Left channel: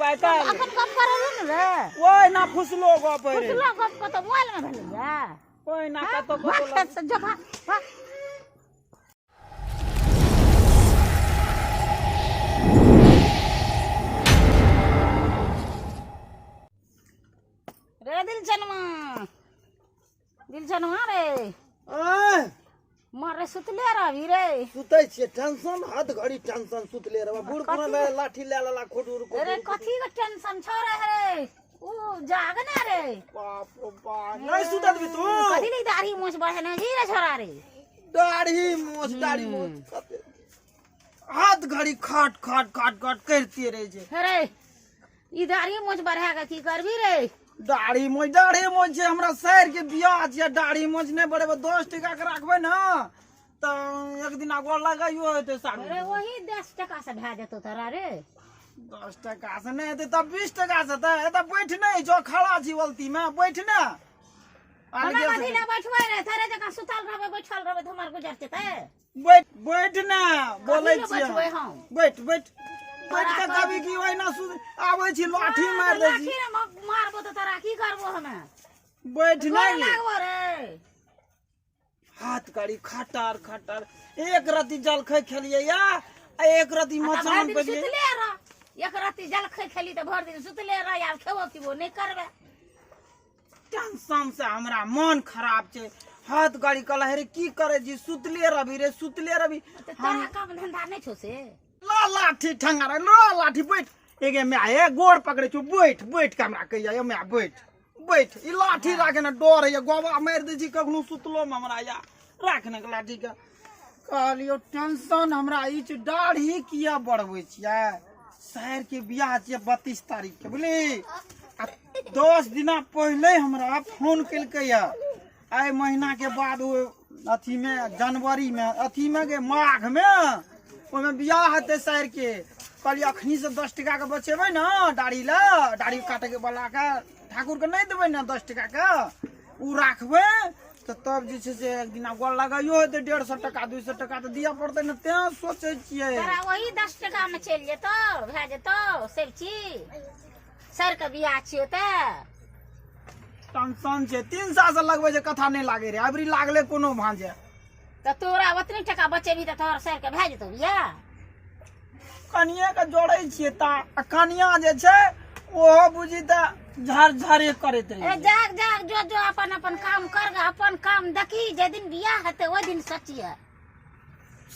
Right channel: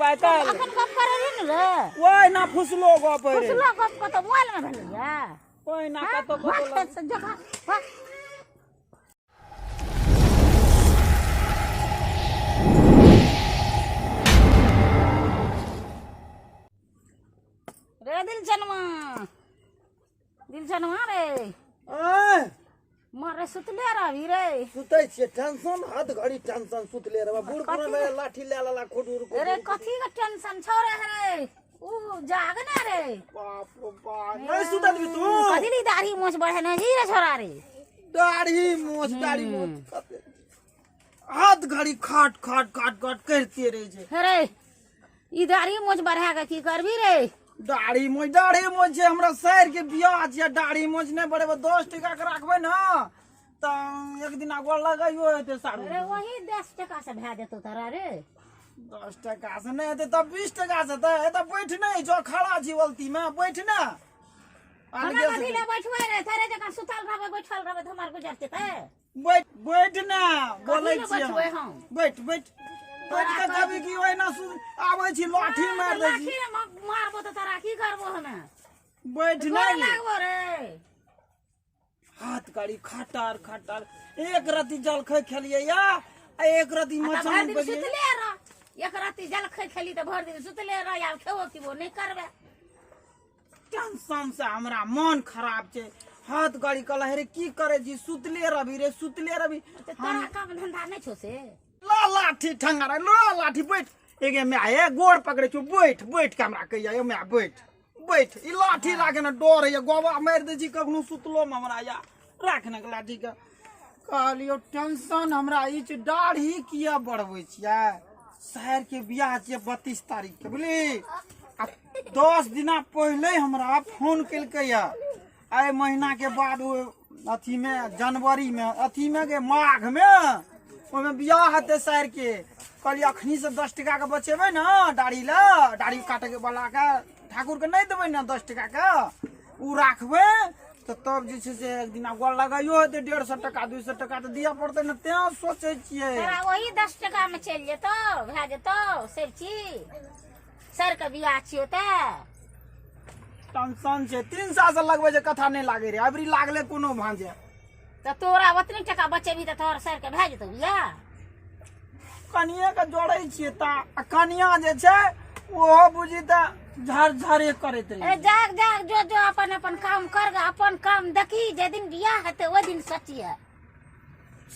करबाय त अखन गप करे रे न रे ओइ ना फुसलो गप रे फुसलो गप क त मोबाइल में भेलैया ओइ ना कतो कतो जो भाग रे दिल छनमा रे मारे सुतले रही रे सुतै छियै टेंशन हाथ घड़ी टेंशन सुतले रे बूढ़ पुरान रे लाठी ले लाला खोटूर को रे कथी का टेंशन छोरे रे ऊ जागने रे बाप रे बाप नहीं सुतत भी तू कथी ली दाढ़ी मोछ बढ़े न जी रे छोरा रे दाढ़ी मोछ हाथ घड़ी खाट खाट खाट खाट करते रहे छे रे ई दाढ़ी मोछ बढ़ा के की करबी रे दाढ़ी मोछ छै हमरा शहर के बियाह छै दाढ़ी मोछ नहीं बढ़ेबे 10 टका के राखबे न त एक दिन आगो लगाइयो हेते साड़ू रे वही 10 टका से भए जेतो तोरा रे 10 टका से नहीं हेते तब 20 टका से त एत बैठ नहीं जो खड़ा छी वलती में बैठ न अलगे से ना बैठवे रे थारे जका सुतल रहबे बैठल रहबे त हमार गुजर जेते बैठ न बोलै छी बैठ बैठ कभी की होय ना आबै छी लाठी मार दे छी लाठी मारबो त तोरा की करबो हमे बैठ नहीं लागबो रे हाथ गाड़ी खटार खटार एक रति जल खै खेलिए या एक रति मचान पे सुतले रह एक रति जल खै खेली त भर दिन सुतले रह या खेबो किबो नहीं करबे टेंशन से हमरा मन खराब छे हाथ गाड़ी कला रे की करे जी सुतले रवि तोरा काम धंधा नहीं छो से ला लाठी ठंगारा ला लाठी बैठ एगे में आए गोड़ पकड़े छु बैठ बैठ के हमरा कहिया मैं बैठ ई लाठी राखे न डर है गोबा मार दे छी कखनो सुतलो में हमरा या राखने के लाठी के कहलियो टेंशन हमरा ई छ दाढ़ी किया बढ़बै छियै शहर के बियाह छै 32 तारीख के बुझली 10 दिन पहले हमरा फोन केलकै या आई महीना के बाद अथी में जनवरी में अथी में के माघ में ओमे बियाह हेते शहर के कहलिए अखनी से 10 टका के बचेबे न दाढ़ी काटे के वाला के ठाकुर के नहीं देबे न 10 टका के उ राखबे तो तब जे छै से एक दिन गोल लगाइयो हेते 150 टका 200 टका तो दिया पड़ते न ते सोचे छियै तोरा वही 10 टका में चल जेतो भए जेतो सब चीज सर के बियाह छियो त टेंशन छै 3 साल से लगबे जे कथा नहीं लागे रे अबरी लागले कोनो भांजे त तोरा ओतनी टका बचेबी त तोहर सर के भए जेतो बियाह कनिया के जोड़ै छियै ता कनिया जे छै ओहो बुझी त झारे करैत रही जाग जो अपन अपन काम कर अपन काम देखी जे दिन बियाह हेते ओइ दिन सचिए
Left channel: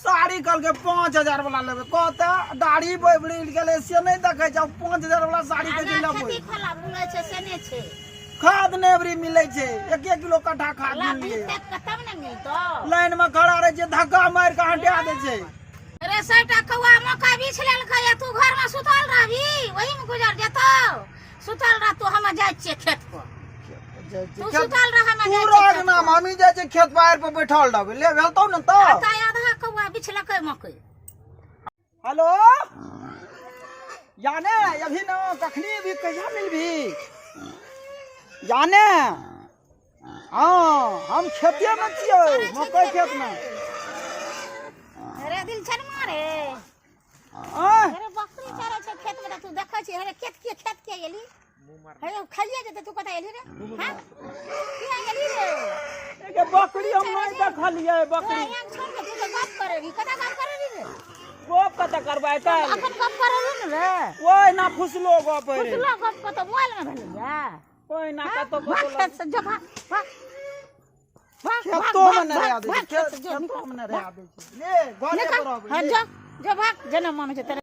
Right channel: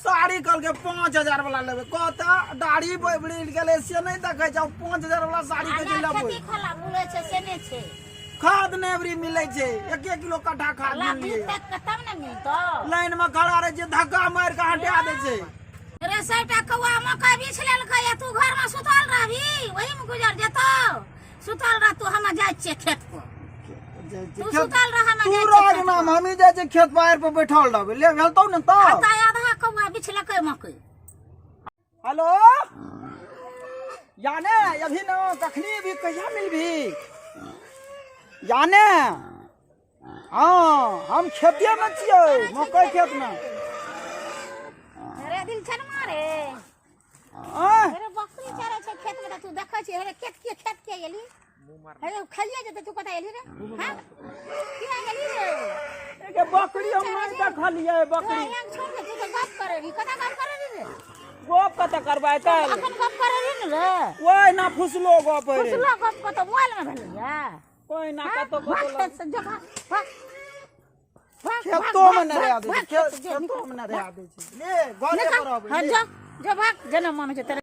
साड़ी कल के 5000 वाला लेबे कहता दाढ़ी बढ़ गेले से नहीं देखे छ 5000 वाला साड़ी के लेबे खेती खोला बुलै छै से ने छै खाद नेबरी मिले छै 1 किलो कट्ठा खाद मिले तब न मिलतो लाइन में खड़ा रहे छै धक्का मार के हटा दे छै रे सटा कौआ मक्का बीछ लेलकै या तू घर में सुतल रहबी वही में गुजर जेतो सुतल रह तू हम जाय छियै खेत पर तू सुतल रह हम तू राग नाम हम जाय छै खेत बाहर पे बैठल रहबे ले भेलतौ न त आधा कौआ बीछ लेकै मकई हेलो याने अभी न कखनी भी कहिया मिलबी याने हाँ हम खेतिया में छियै मकई खेत में रे दिल छन मारे रे बकरी चरे छै खेत में तू देखै छी रे खेत के गेली हे खलिया जते तू कता गेली रे हां किया गेली रे के बकरी हम नहीं देखलिए बकरी छोड़ के तू गप करे भी कता गप करे रे गप कता करबाय त अखन गप करे रे रे ओइ ना फुसलो गप रे फुसलो गप क त मोबाइल में भेलैया ओइ ना कतो कतो जो भाग खेतो में न रह दे खेतो में न रह दे ले गोले करो जो भाग जना मन छै